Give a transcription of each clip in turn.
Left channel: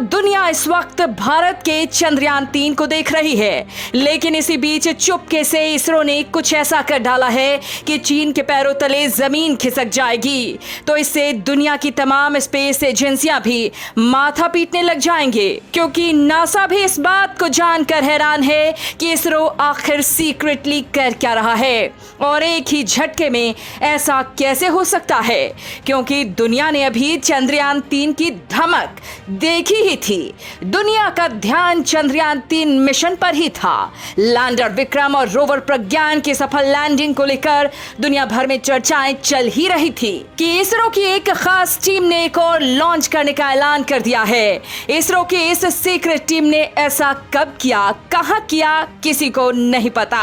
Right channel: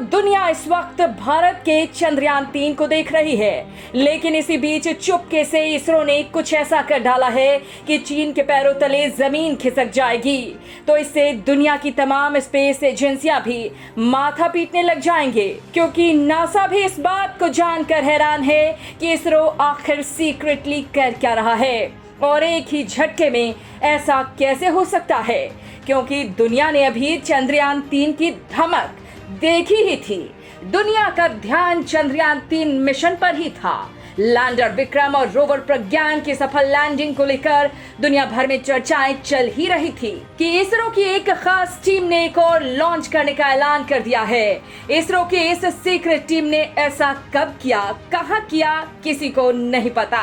दुनिया इस वक्त भारत के चंद्रयान-3 को देख रही है, लेकिन इसी बीच चुपके से इसरो ने कुछ ऐसा कर डाला है कि चीन के पैरों तले जमीन खिसक जाएगी। तो इससे दुनिया की तमाम स्पेस एजेंसियां भी माथा पीटने लग जाएंगे, क्योंकि नासा भी इस बात को जानकर हैरान है कि इसरो आखिर सीक्रेटली कर क्या रहा है और एक ही झटके में ऐसा कैसे हो सकता है, क्योंकि दुनिया ने अभी चंद्रयान-3 की धमक देखी ही थी। दुनिया का ध्यान चंद्रयान-3 मिशन पर ही था। लैंडर विक्रम और रोवर प्रज्ञान की सफल लैंडिंग को लेकर दुनिया भर में चर्चाएं चल ही रही थी कि इसरो की एक खास टीम ने एक और लॉन्च करने का ऐलान कर दिया है। इसरो की इस सीक्रेट टीम ने ऐसा कब किया, कहां किया, किसी को नहीं पता,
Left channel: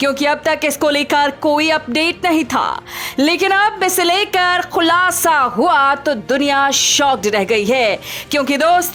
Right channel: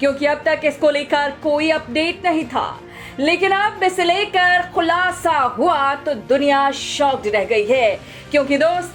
क्योंकि अब तक इसको लेकर कोई अपडेट नहीं था। लेकिन अब इसे लेकर खुलासा हुआ तो दुनिया शॉक्ड रह गई है, क्योंकि दोस्तों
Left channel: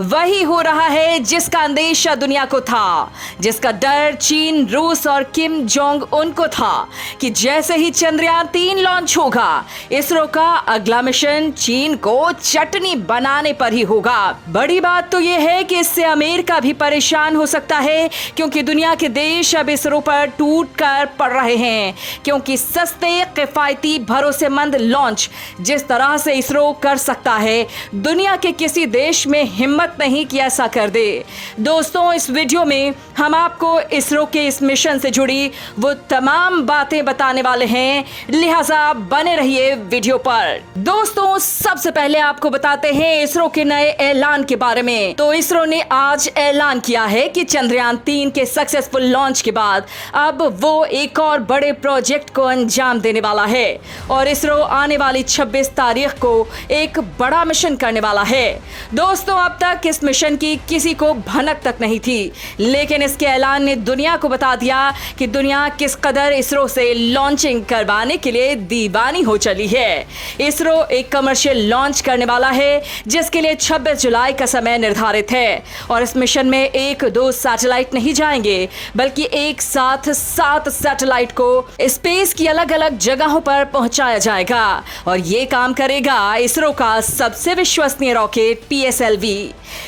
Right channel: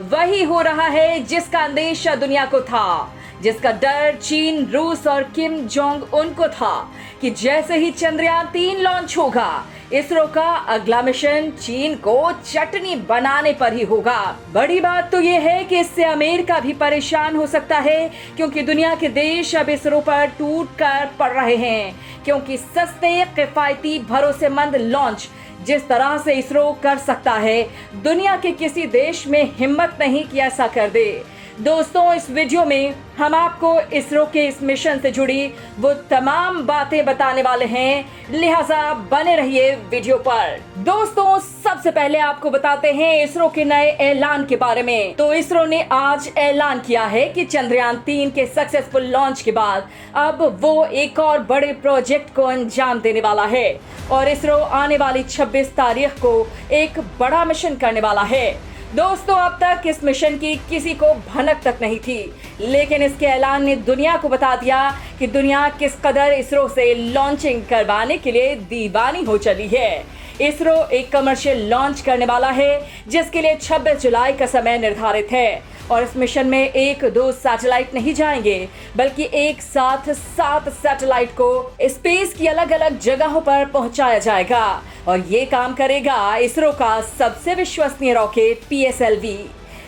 वही हो रहा है जिसका अंदेशा दुनिया को था, जिसका डर चीन, रूस और किम जोंग उन को था कि जैसे ही चंद्रयान-3 लॉन्च होगा, इसरो का अगला मिशन चीन को चटनी बनाने पर ही होगा। बड़ी बात तो यह है कि इससे अमेरिका भी परेशान हो सकता है, क्योंकि दुनिया के देश अब इसरो पर टूट कर पड़ रहे हैं, क्योंकि सस्ते, किफायती, भरोसेमंद लॉन्च जिस तरह से इसरो कर सकता है, दुनिया के किसी देश में हिम्मत नहीं कि ऐसा कर दे। दोस्तों, इस वीडियो में हम आपको इसरो के इस मिशन से जुड़ी वो तमाम बातें बताने वाले हैं, लिहाजा बने रहिए वीडियो पर। दोस्तों, सबसे पहले आपको बताते हैं इसरो के नए ऐलान के बारे में। तो इसरो ने आज ऐलान किया है कि चंद्रयान-3 के सक्सेसफुल लॉन्च के बाद अब वो एक और बड़े प्रोजेक्ट को अंजाम देने वाला है और इसरो आने वाली 26 तारीख को एक बड़ा मिशन करने वाला है। दोस्तों, अब तक इस मिशन की किसी को भनक तक नहीं थी, लेकिन इसके ऐलान ने दुनिया को बता दिया कि दुनिया किस कदर इसरो से लॉन्चिंग करवाने के लिए दीवानी हो चली है। इसरो एक कमर्शियल लॉन्च करने वाला है, जिसके लिए 26 जुलाई का समय निर्धारित है और इस मिशन में 1-2 सैटेलाइट नहीं जाएंगे, बल्कि एक साथ 7 सैटेलाइट को स्पेस की अलग अलग जगहों पर पहुंचाया जाएगा और ये काम करेगा इसरो का सबसे विश्वसनीय रॉकेट PSLV।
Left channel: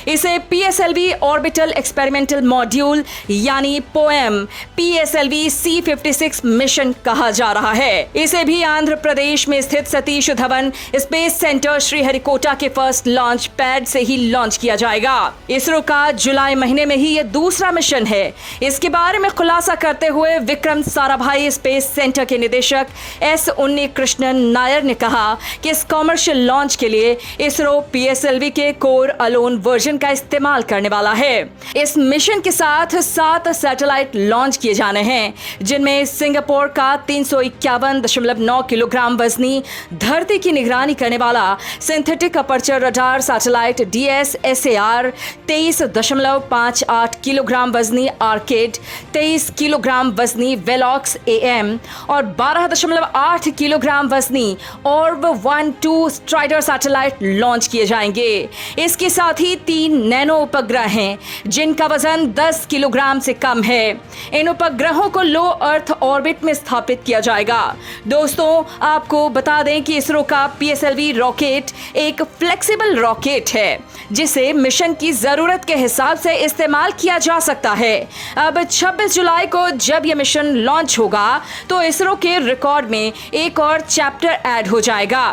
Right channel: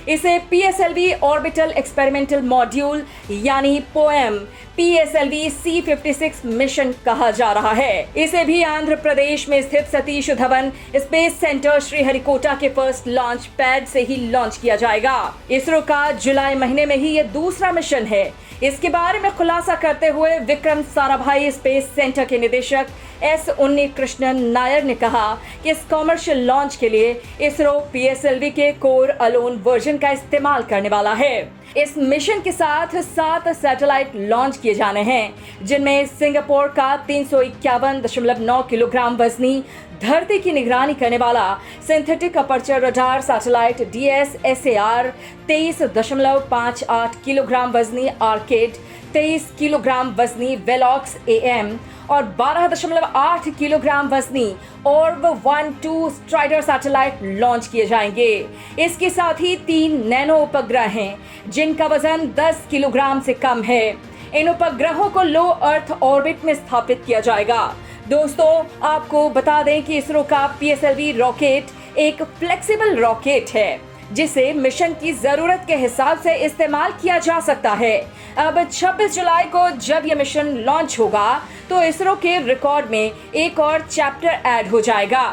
इसे PSLV ऑर्बिटल एक्सपेरिमेंटल मॉड्यूल यानी पोएम PSLV C56 मिशन कहा जा रहा है। इसे भी आंध्र प्रदेश में स्थित सतीश धवन स्पेस सेंटर श्रीहरिकोटा के फर्स्ट लॉन्च पैड से ही लॉन्च किया जाएगा। इसरो का जुलाई महीने में ही यह दूसरा मिशन है। इसके बारे में खुलासा करते हुए विक्रम साराभाई स्पेस सेंटर के निदेशक S उन्नीकृष्णन नायर ने कहा कि इस कॉमर्शियल लॉन्च के लिए इसरो PSLV के कोर अलोन वर्जन का इस्तेमाल करने वाला है। इस मिशन के साथ 7 सैटेलाइट लॉन्च किए जाने हैं, जिनमें सिंगापुर का 351.9 किलोग्राम वजनी धरती की निगरानी करने वाला synthetic aperture radar satellite DSSAR, 23.58 kilogram वजनी आर्किड, 23 किलोग्राम वजनी वेलॉक्स AM और 12.8 किलोग्राम वजनी ऑर्ब 1-2 स्ट्राइडर सैटेलाइट लॉन्च किए जाएंगे। इसके साथ ही 3 नैनो उपग्रह हैं, जिनका वजन 10 किलोग्राम से कम है। इन उपग्रहों को लो अर्थ ऑर्बिट में स्थापित किया जाएगा। दोस्तों, आपको बता दें कि इसरो का PSLV रॉकेट एक फ्लेक्सिबल रॉकेट है, जिसे मिशन की जरूरत के हिसाब से इस्तेमाल किया जा सकता है। अब 26 जुलाई को जब यह मिशन लॉन्च होगा, तो इसरो के रिकॉर्ड में एक और चैप्टर ऐड हो जाएगा।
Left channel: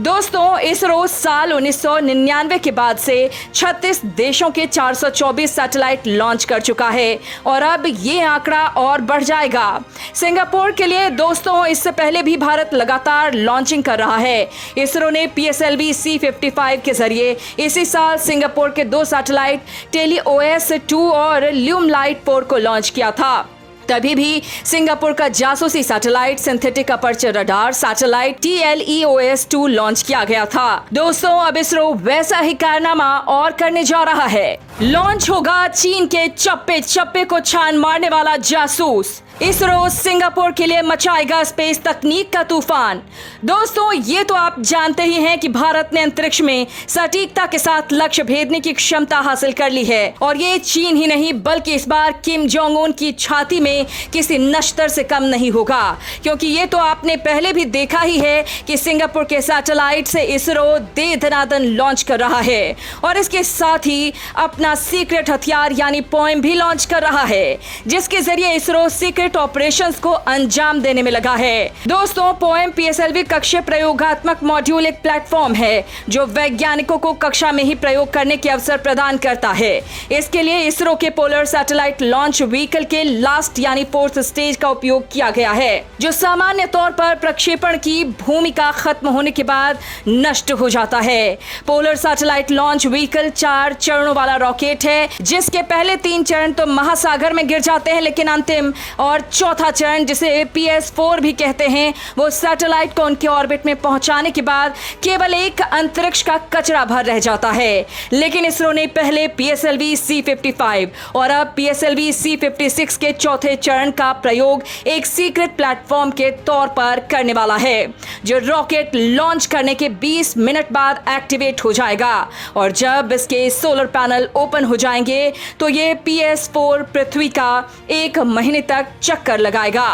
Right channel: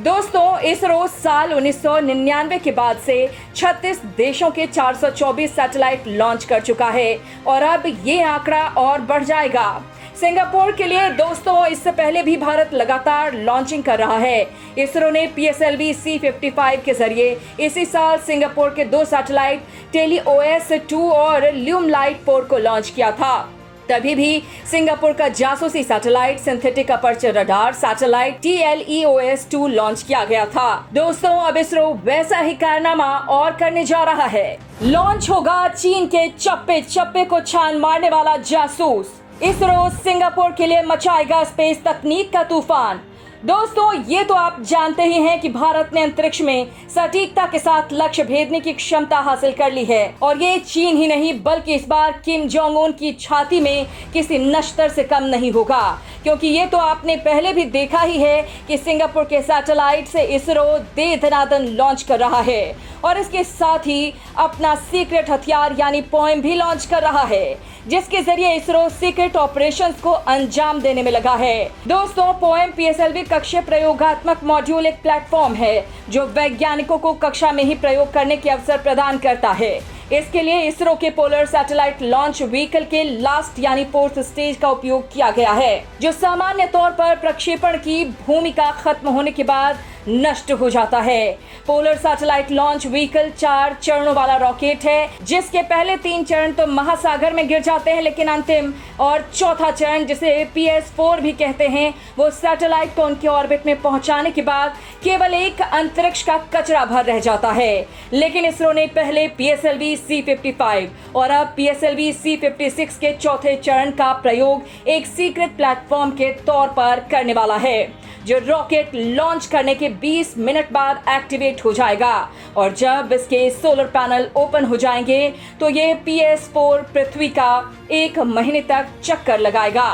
दोस्तों, इसरो साल 1999 के बाद से 36 देशों के 424 सैटेलाइट लॉन्च कर चुका है और अब ये आंकड़ा और बढ़ जाएगा। सिंगापुर के लिए दोस्तों, इससे पहले भी भारत लगातार लॉन्चिंग कर रहा है। इसरो ने PSLV C55 के जरिए इसी साल सिंगापुर के 2 सैटेलाइट TeleOS-2 और ल्यूमलाइट 4 को लॉन्च किया था। तभी भी सिंगापुर का जासूसी satellite synthetic aperture radar satellite TLEOS-2 launch किया गया था। दोस्तों, अब इसरो वैसा ही कारनामा और करने जा रहा है। लॉन्च होगा चीन के चप्पे चप्पे को छान मारने वाला जासूस इसरो सिंगापुर के लिए मचाएगा स्पेस तकनीक का तूफान। दोस्तों, ये तो आप जानते ही हैं कि भारत ने अंतरिक्ष में सटीकता के साथ लक्ष्य भेदने की क्षमता हासिल कर ली है और ये चीन ही नहीं बल्कि इस बार किम जोंग उन की छाती में किसी नश्तर से कम नहीं होगा, क्योंकि ये तो आपने पहले भी देखा ही है कि सिंगापुर के सैटेलाइट से इसरो दे दनादन लॉन्च कर रहा है और इसके साथ ही अपना सीक्रेट हथियार यानी पोएम भी लॉन्च कर रहा है, जिसके जरिए इसरो सीक्रेट ऑपरेशंस को अंजाम देने में लगा है। दोस्तों, पोएम पीएसएलवी कक्षीय प्रयोगात्मक मॉड्यूल एक प्लेटफॉर्म है जो वैज्ञानिकों को कक्षा में ही प्रयोग करने के अवसर प्रदान करता है। इसके लिए इसरो के पोलर सैटेलाइट लॉन्च व्हीकल के लास्ट यानी 4th स्टेज का उपयोग किया गया है, जो सामान्य तौर पर प्रक्षेपण की भूमिका खत्म होने के बाद नष्ट हो जाता है। पोलर सैटेलाइट लॉन्च व्हीकल 4 चरणों वाला रॉकेट है, जिसके पहले 3 चरण तो महासागर में गिर जाते हैं, लेकिन अंतिम और चौथा चरण जिसे PS4 भी कहते हैं, वो सैटेलाइट को उनके ऑर्बिट में पहुंचाने के बाद केवल एक अंतरिक्ष का कचरा भर रह जाता है। लेकिन इसरो ने पहले PSLV C55 और अब PSLV C56 के चौथे चरण का प्रयोग एक सीक्रेट प्लेटफॉर्म के तौर पर करने वाला है, जो रॉकेट लॉन्च करने के 20 मिनट बाद एक्टिवेट हो जाएगा और जब इसके सोलर पैनल ओपन हो जाएंगे तो ये PS4 पृथ्वी का 1 महीने तक चक्कर लगाएगा।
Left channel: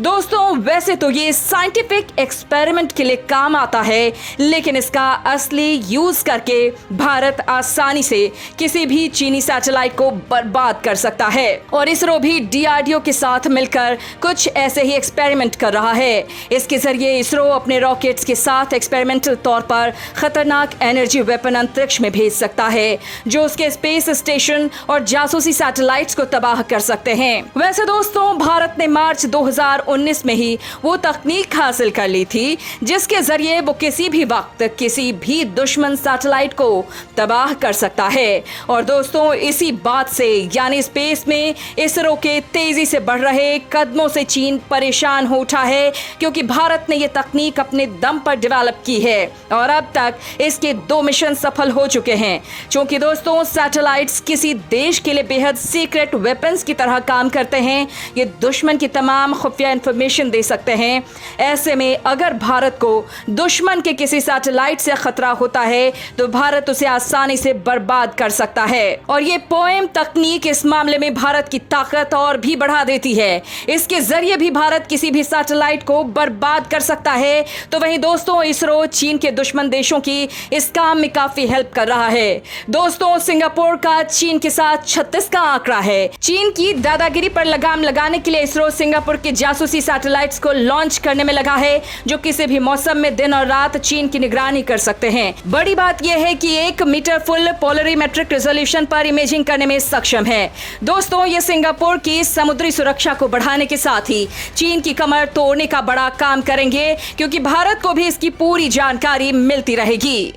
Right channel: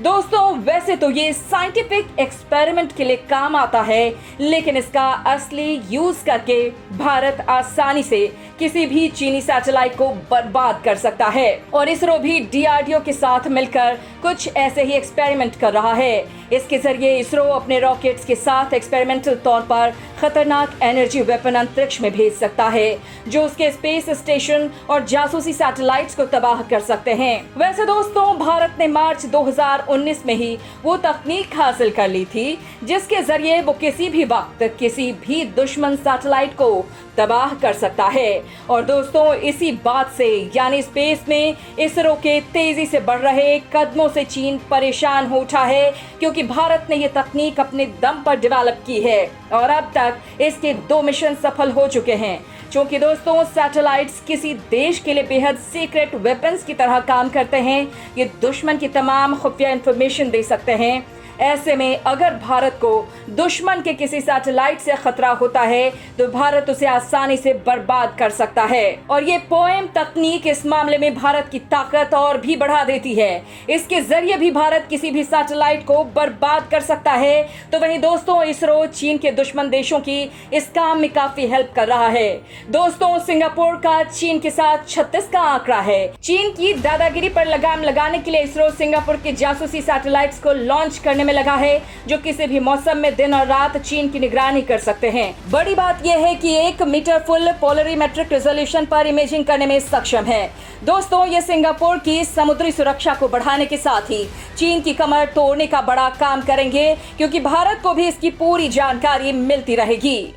दोस्तों, वैसे तो ये साइंटिफिक एक्सपेरिमेंट के लिए काम आता है, लेकिन इसका असली यूज करके भारत आसानी से किसी भी चीनी सैटेलाइट को बर्बाद कर सकता है और इसरो भी DRDO के साथ मिलकर कुछ ऐसे ही एक्सपेरिमेंट कर रहा है। इसके जरिए इसरो अपने रॉकेट्स के साथ एक्सपेरिमेंटल तौर पर खतरनाक एनर्जी वेपन अंतरिक्ष में भेज सकता है, जो उसके स्पेस स्टेशन और जासूसी सैटेलाइट्स को तबाह कर सकते हैं। वैसे दोस्तों, भारत ने मार्च 2019 में ही वो तकनीक हासिल कर ली थी जिसके जरिए वो किसी भी वक्त किसी भी दुश्मन सैटेलाइट को तबाह कर सकता है। और दोस्तों, इसी बात से यानी स्पेस में इसरो के तेजी से बढ़ रहे कदमों से चीन परेशान हो उठा है, क्योंकि भारत ने ये तकनीक अपने दम पर डेवलप की है और अब तक इसके 2 मिशन सफल हो चुके हैं। क्योंकि दोस्तों, सैटेलाइट्स किसी देश के लिए बेहद सीक्रेट वेपन्स की तरह काम करते हैं, ये दुश्मन की तमाम खुफिया इंफॉर्मेशन दे सकते हैं। ऐसे में अगर भारत को दुश्मन के किसी सैटेलाइट से खतरा होता है तो भारत उसे आसानी से बर्बाद कर सकता है और ये पोएम तकनीक इस मामले में भारत की ताकत और भी बढ़ा देती है। इसके जरिए भी भारत किसी भी सैटेलाइट को बर्बाद कर सकता है। तो वहीं दोस्तों, इसरो चीन के दुश्मन देशों की इस काम में काफी हेल्प कर रहा है। दोस्तों, सिंगापुर का चीन के साथ 36 का आंकड़ा है। चीन की दादागिरी पर लगाम लगाने के लिए इसरो सिंगापुर के जासूसी सैटेलाइट्स को लॉन्च करने में लगा है, जो किसी भी मौसम में दिन और रात चीन की निगरानी कर सकते हैं। बड़ी बात यह है कि 1 मीटर फुल पोलरीमेट्रिक रेजोल्यूशन पर इमेजिंग करने में सक्षम है। दोस्तों, ये सिंगापुर की समुद्री सुरक्षा को बढ़ाने के साथ ही चीन की कमर तोड़ने का बड़ा काम करेंगे, क्योंकि भारत को भी इसकी पूरी जानकारी मिलती रहेगी।